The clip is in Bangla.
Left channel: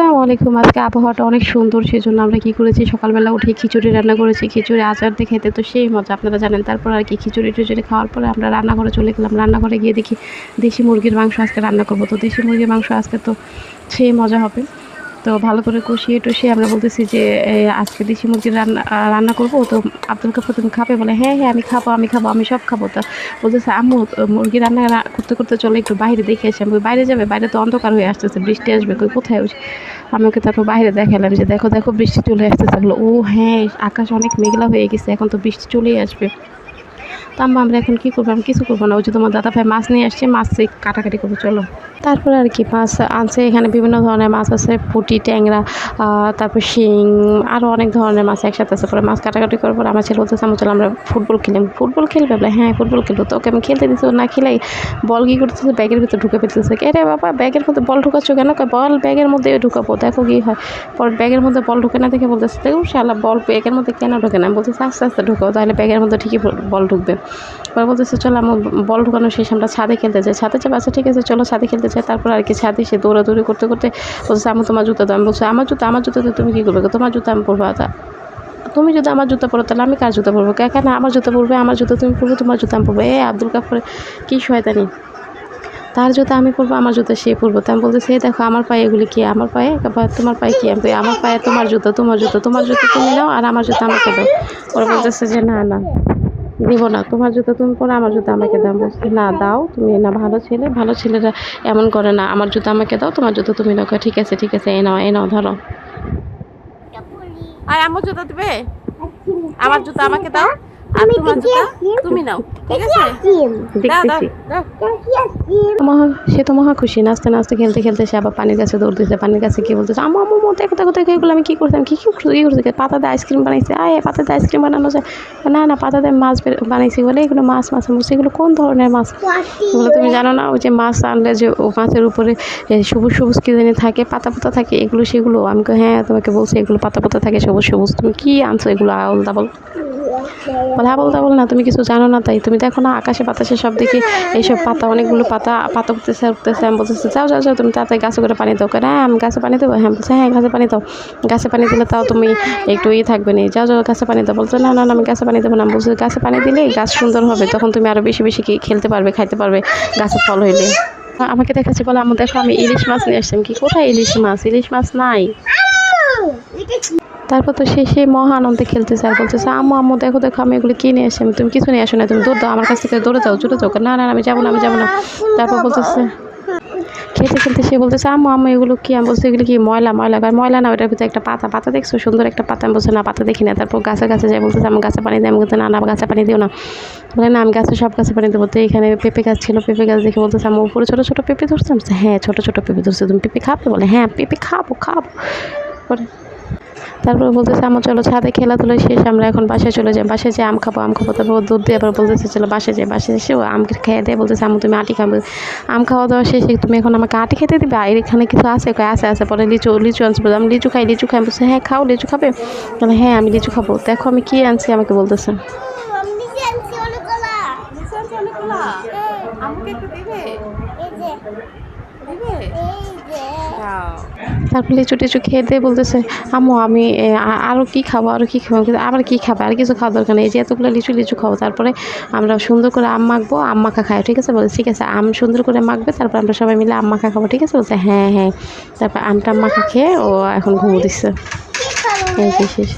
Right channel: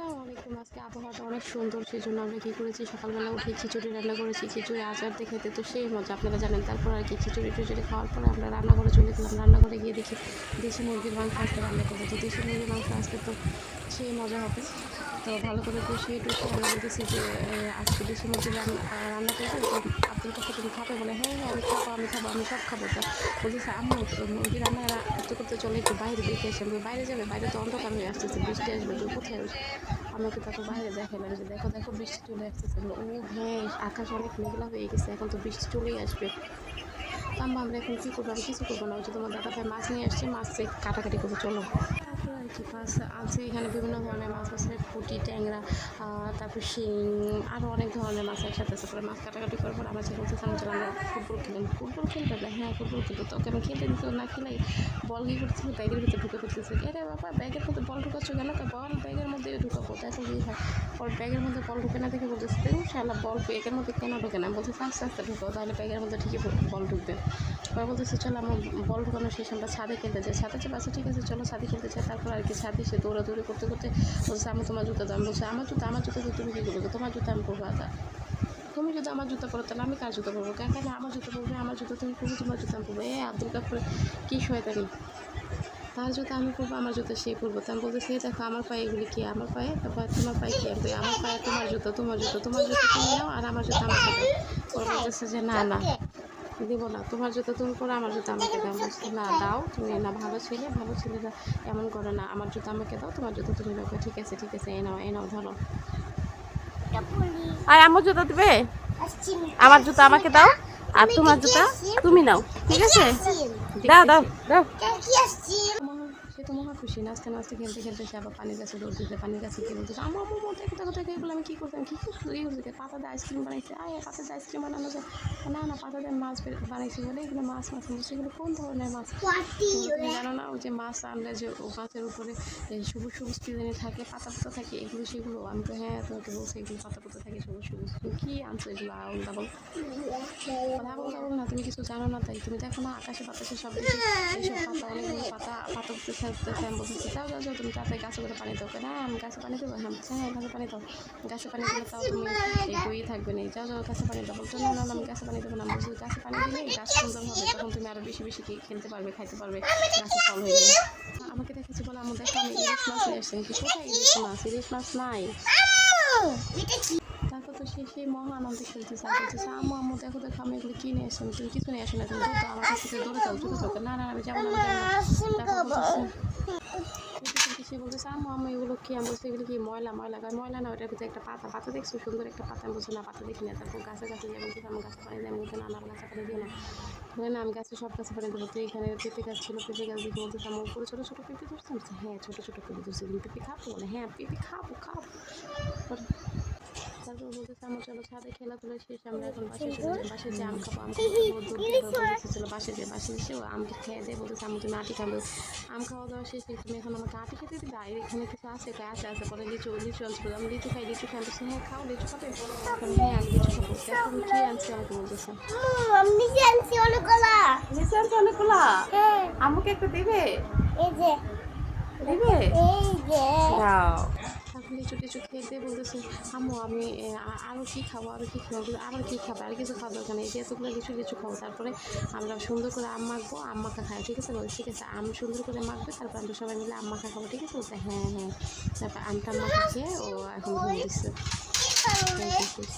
আসসালামু আলাইকুম। আজকে আবহাওয়াটা অনেক সুন্দর, সেজন্য আমরা কি করেছি? সকালবেলা উঠে খিচুড়ি রান্না করেছি। খিচুড়ি, আচার দিয়ে খেতে তো সেই মজা, আপনারা জানেন। তারপর আর কি, খিচুড়ি টিচুড়ি খাওয়ার পরে আমরা রান্নাঘরে চলে গেলাম। রান্নাঘরে গিয়ে দেখি দেশি মুরগির মাংস আজকে রান্না করব। তো দেশি মুরগির মাংস আজকে তো সেই মজা হবে। তো ভালো করে কষিয়ে টষিয়ে আমরা বলতেছি যে আজকে দেশি মুরগির রান্না রান্না করব? তো আব্দুল কাপুর তুমি খাবে, বলে হ্যাঁ হ্যাঁ আমি খাব আমি খাব, আমি সব খাব। তা বলতেছে, আম্মু, মুরগি রান্না করতে করতে চলে, একটু বাইরে দেখে আসি। আমি বাইরে যাবে? বাইরে তো অন্ধকার হয়ে আসতেছে, বৃষ্টি আসবে, কই কোথায়? ওই আমি ওকে তারপর বাইরে দেখালাম যে, দেখো দেখো, বৃষ্টি চলে আসতেছে। বলল ও হ্যাঁ আকাশ অনেক মেঘলা হয়ে গেছে, এখন তো বৃষ্টি চলেই আসবে। তো আমরা এখন কী করব? আমি কিছু করব না। ওই যে তোমার দাদা ভাই মাছ নিয়ে আসছে, মাছ কাটাকাটি করব, চলো। তারপরে আর কি, মাছ আনছে। এখানে বিভিন্ন ধরনের মাছ আছে, পুঁটি, ট্যাংরা তারপর শিং আরও অনেক ধরনের মাছ একসাথে আছে। পরে মাছ কাটাকাটি করার পর আমার ছেলে বলতেছে আমার চলো আমরা ফুটবল খেলাম ফুটবল খেলবে? বলে হ্যাঁ ফুটবল খেলব। তো ওকে আমি খেলতে দিচ্ছি না খেলাই বল কী করতেছে? ব্যাগের ভিতরে ঢুকে ফেলতেছে। রে বাবা, ব্যাগের মধ্যে বল ঢুকাচ্ছ কেন? বল ব্যাগের মধ্যে ঢুকাবো, দেখো কী হয়। পরে ব্যাগের মধ্যে বল ঢুকে না দেখে বলতেছে দেখুন শালা, বল ব্যাগের মধ্যে কেন ঢুকে না? বলতেছে, আস্তে আস্তে ঢুকাও, তাহলে ব্যাগের মধ্যে ঠিকই বল ঢুকবে। পরে বলতেছে, চলো আমার বল ঢুকানো শেষ, আমরা ছাদে খেলতে যাই। ছাদে যাব আচ্ছা ঠিক আছে, চলো ছাদে খেলতে যাই। তারপর আর কি ছাদে সে দৌড়াদৌড়ি করতে করতে বলছে আমি তোমার জুতা দাও। আমি বলছি, আমার জুতা, আমার জুতাতে তুমি কী করবে তোমার জুতা আমি পরবো তুমি যদি আমার জুতা পরো, তাহলে আমি কার জুতা পরবো? কেন আমার জুতা পরবে, আমার জুতা তুমি পরবে, তোমার জুতা আমি পরবো। এ, আব্দুল কাপুরে কী শয়তানি। তার জুতা আমি পরবো, আমার জুতা সে পরবো। তা আমি বলতেছি দেখো, আমার পায়ে এগুলি কি? আমার পায়ে? তোমার পায়ে কি? আমি আমার পায়ে তোমার জুতো তোমার জুতো তোমার জুতো তুমি নাও, আর আমার জুতো আমাকে দাও। ওরা বলতেছে যে, না না। দিব না। তোমার জুতো তুমি পরো আমার জুতো আমাকে দাও। বলছি না দাও। তুমি না ভালো ছেলে। ভালো ছেলেরা এমন করে না আমার জুতো আমাকে দাও তোমার জুতো তুমি নাও। ঠিক আছে ঠিক আছে এ নাও এ নাও ধরো। আর আমার জুতো দিবে? আমার জুতো আমাকে দাও? আর তোমার জুতা? তুমি নাও ঠিক আছে? দাও দাও দাও। সে তো মহা খুশি নাচতে নাচতে খেলতে খেলতে সে আবার পানির কাছে দৌড় দিতে পানির কাছে কি বলতেছে আমু আমু আমু, দেখো দেখো দেখো এগুলো আমি কী করতাম কী কী করছি কী করছি পাতা দিয়ে আইসক্রিম বানাইছে আয় পাতা দিয়ে আইসক্রিম বানানো যায়। না না পাতা দিয়ে মাছ বানাইছি বলে এগুলো মাছ মাছ বলছি এগুলো কোন ধরনের মাছ? এগুলো তুমি জানো না ওই যে মাছ আনলে যে ও মাছের উপরে সবুজ সবুজ কী জানি থাকে পাতা পাতা থাকে এগুলো সেগুলো? আমি হ্যাঁ তোমাকে বলছি এগুলো পাতা পাতা থাকে সবুজ সবুজ তুমি কী আনছো এগুলো আউল দাবল বলে বলতে তাবল না, তুমি কিছু জানো না তাই। তুমি দেখো না, আকাশে বাতাসে সব দেখি, এইসব পাতা, অনেকগুলো পাতা পাতা উঠতেছে উঠতেছে, আমি বলতেছি, যাও যাও যাও, তুমি তাড়াতাড়ি গাছে করে পানি দাও। কেন হ্যাঁ আমি গাছে পানি দেবো? হ্যাঁ বলছে হ্যাঁ গাছে পানি দাও। গাছে পানি দিলে তাও তুমি একটু ইয়ে থাকবে না। যাও যাও, গাছে পানি দাও। বলছে, না না আমি গাছে পানি দেবো না। বলছি, গাছে পানি দিলে গাছ সুন্দর হবে, তখন তুমি আরও বেশি বেশি খেলতে পারবে, খাইতে পারবে, গাছে ফল হইলে। আমাকে দেখাচ্ছে বলে আমার দেখো আমি ইলিশ মাছ নিয়ে আসলাম কি, কোথায় ইলিশ মাছ? ইলিশ মাছ নাই। তারপর তো সে সেই মহা আনন্দে খেলতেছে আর বলতেছে আম্মু আম্মু দেখো দেখো আমি এগুলো কিনে এসে আমি তুমি কিছু নিয়ে আসো না তুমি দৌড় দাও আমার কাছ থেকে দৌড়ে যাও চলে যাও। না না আমি যাব না আমি যাব না। তারপর বলতেছে খেলতে খেলতে সে বলতেছে আম্মু আম্মু এগুলো কি? আমি বলছি এগুলো কি ময়লা ময়লা? আর ময়লা না ওটার ভিতরে একটা পাতা পাতা দেখছ? সুন্দর একটা পাতা। আমি বলছি না পাতা দেখি না। তারপর গাছে গাছে যাই বলতেছে আমি গাছে পানি দিই আমি বলতে না না গাছে পানি দিও না। বলে না আমি গাছে সব গাছে পানি দেবো। তো এখানে পেঁপে গাছ ছিল পেঁপে গাছ দেখে বলতেছে আমি উপরে ছোটো ছোটো পেঁপে ধরছে? বলছি, হ্যাঁ ছোটো ছোটো পেঁপে ধরছে। তুমি পেঁপে খাবে বলে হ্যাঁ পেঁপে খাব খাব। পরে তারপরে বলতেছে আমার চলো ছাদে খেলাধুলা শেষ আমরা এখন বাসায় চলে যাই। বাসায় যে আম খাব আম খাব তারপর দুধ দিয়ে আবার বলতেছে চলো বাসায় যাই। বাসায় এসে ও আম খেয়ে দেয় বলতেছে আমু তুমি আটি খাবে। আম খাওয়া দাওয়া শেষে তুমি এখন আমাকে আটি খেতে দিবে? আর এখানে কিছু আছে? কয় আছে আছে। পরে লিচু লিচু আনছে বলে আমি লিচু খাই লিচু খাই। বলছে হ্যাঁ খাও লিচু খাবে? বলে হ্যাঁ আমি লিচু খাব। দেখো আমি কী আনছি? আমাকে বলতেছে। আমাকে একটু দিবে? এই যে। দিবে? এই যে। তারপর লিচু টিচু খেয়ে দিয়ে বলতেছে, আম্মু, আমি আরও কী খাব আরও কী খাব? আবার কী খাবে? আর কিছু খাওয়া দরকার নেই। যে এতগুলো লিচু লিচু খাব, তারপরে আমরা সুন্দর করে আম মাখবো, আম মাখা খাই ঠিক আছে? বলছে, ঠিক আছে, আম সুন্দর করে মাখবে, তারপর আমরা সবাই মিলে আম মাখা খাব, ঠিক আছে? বলছে হ্যাঁ হ্যাঁ। তারপর আমটা মাখা খেয়ে ও এখন ঘুমো দিচ্ছে এই শেষ।